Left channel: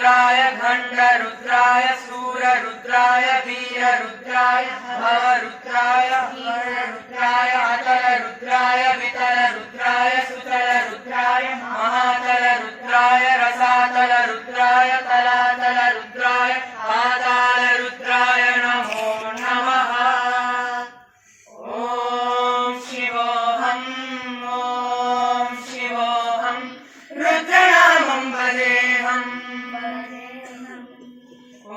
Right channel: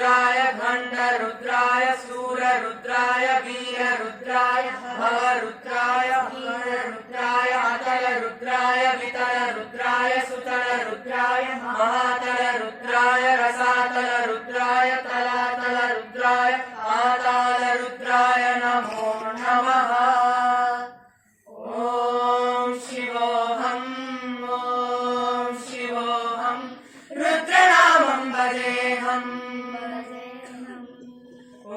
रुद्राय घंट रुद्राय सूर रुद्राय वीर रुद्राय भव रुद्राय रुद्राय अतल रुद्राय वितल रुद्राय सुतल रुद्राय महातल रुद्राय रसातल रुद्राय तलातल रुद्राय पाताल रुद्राय नमो नमः। ओम शिवोऽहं रुद्रनामं भजेऽहम्।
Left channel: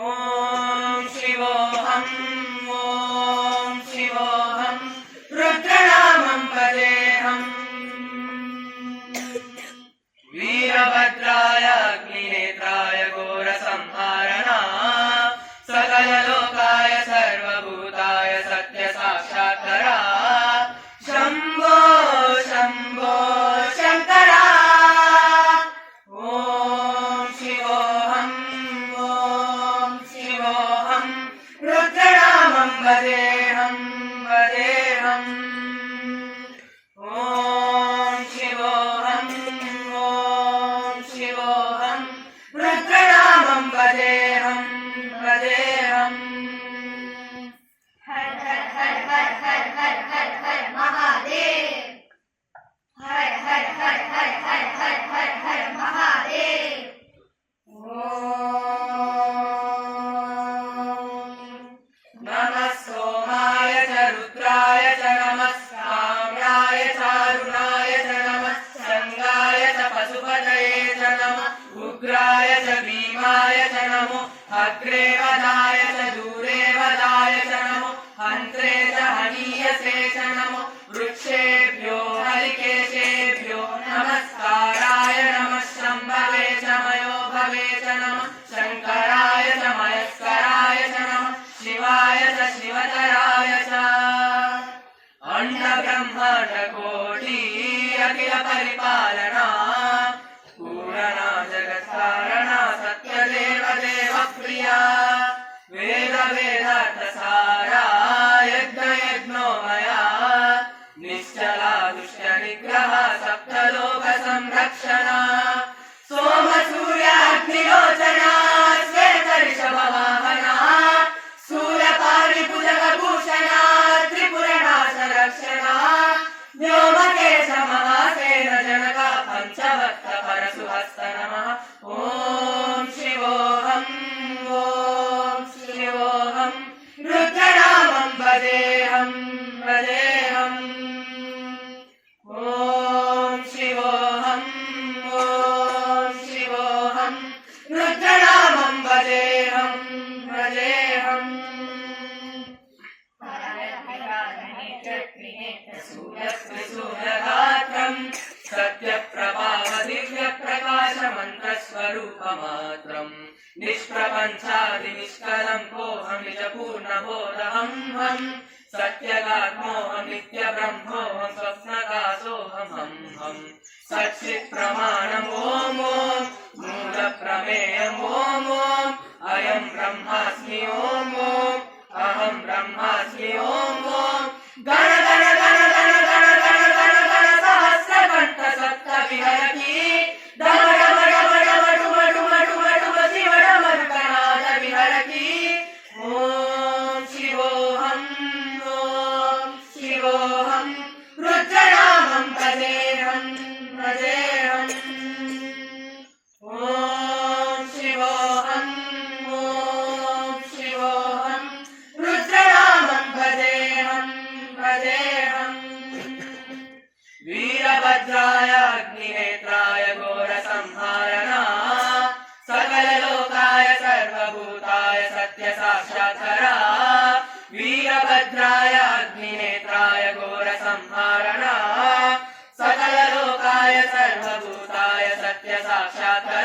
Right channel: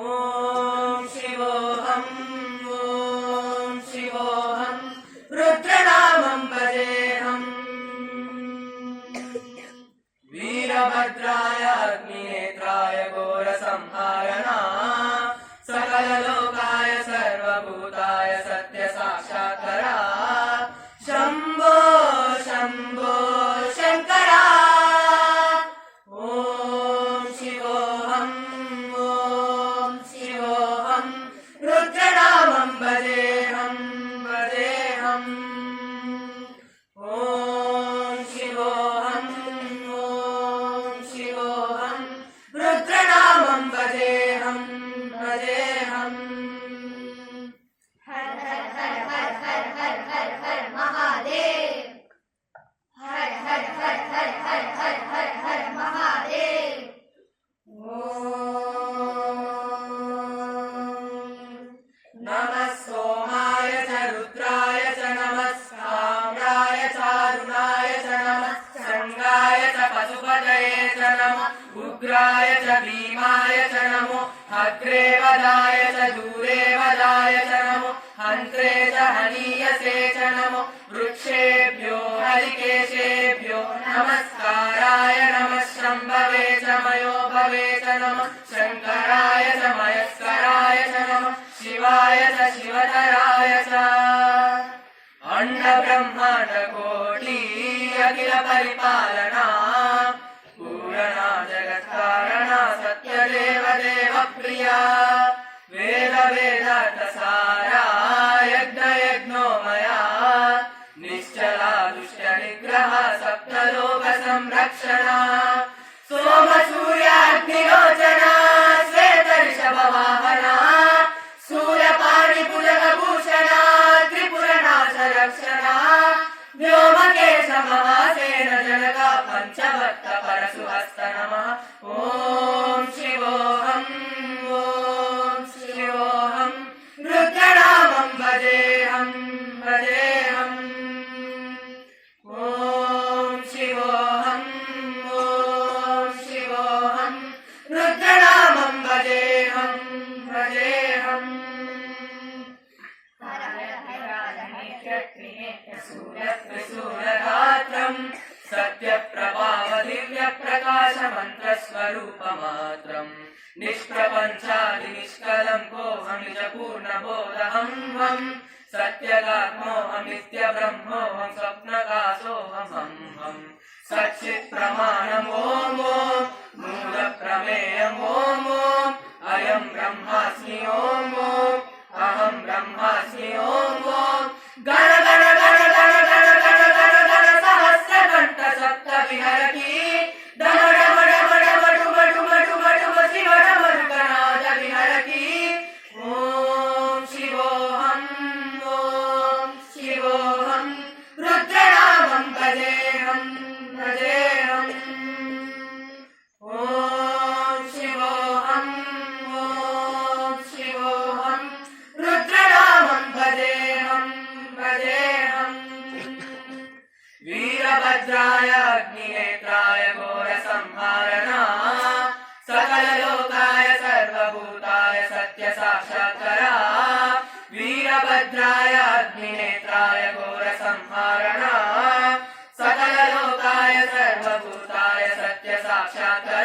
ओम शिवोऽहं रुद्रनामं भजेऽहम्। वीरभद्राय अग्निनेत्राय घोरसंहारणा सकललोकाय सर्वभूताय सत्यसाक्षात्करा शंभो शंभो शंकरा। ओम शिवोऽहं रुद्रनामं भजेऽहम्। ओम शिवोऽहं रुद्रनामं भजेऽहम्। हर हर हर हर हर हर हर हर महादेव। हर हर हर हर हर हर हर हर महादेव। नमः सोमाय च रुद्राय च नमः साम्राय चारुणाय च नमः शंगाय च पशुपतये च नमः उग्राय च भीमाय च नमो अग्रे वदाय च दूरे वदाय च नमो हन्त्रे च हनीयसे च नमो वृक्षेभ्यो हरिकेशेभ्यो नमस्काराय नमः शम्भवे च मयोभवे च नमः शङ्कराय च मयस्कराय च नमः शिवाय च शिवतराय च। अण्ड ब्रह्माण्ड कोटि अखिल परिपालना पूरणा जगत्कारणा सत्यदेव देव प्रिया वेद वेदार्थसारा यज्ञ यज्ञोमया निश्चला दुष्ट निग्रह सप्तलोक संरक्षणा सोम सूर्याग्निलोचना श्वेत ऋषभ वाहना सूर्यपाणि भुजगभूषणा त्रिपुरनाश रक्षणा व्योमकेश महासेन जनका पंचभक्त परशुहस्त नमः। ओम शिवोऽहं रुद्रनामं भजेऽहम्। ओम शिवोऽहं रुद्रनामं भजेऽहम्। सूर्यगात्रं सत्यप्रभाव दिव्यप्रकाशमन्त्रस्वरूपमात्रं निष्प्रपञ्चादि निष्कलं कोऽहमिज पूर्णबोधहं हं सत्यगात्मोऽहं नित्यब्रह्मोऽहं स्वप्नकाशोऽहं हं सच्चित्प्रमाणम् ॐ मूलप्रमेयम् ॐ अयं ब्रह्मास्मि ॐ अहं ब्रह्मास्मि ॐ गण गण गण गण गण गण गण गण सहस्रकण्ठ सप्त विहरति डम डम डम डम डुम डुम डुम डुम शिव डमरुकनाद विहरति। ओम शिवोऽहं रुद्रनामं भजेऽहम्। ओम शिवोऽहं रुद्रनामं भजेऽहम्। वीरभद्राय अग्निनेत्राय घोरसंहारणा सकललोकाय सर्वभूताय सत्यसाक्षात्करा वीरभद्राय अग्निनेत्राय घोरसंहारणा सकललोकाय सर्वभूताय सत्यसाक्षात्करा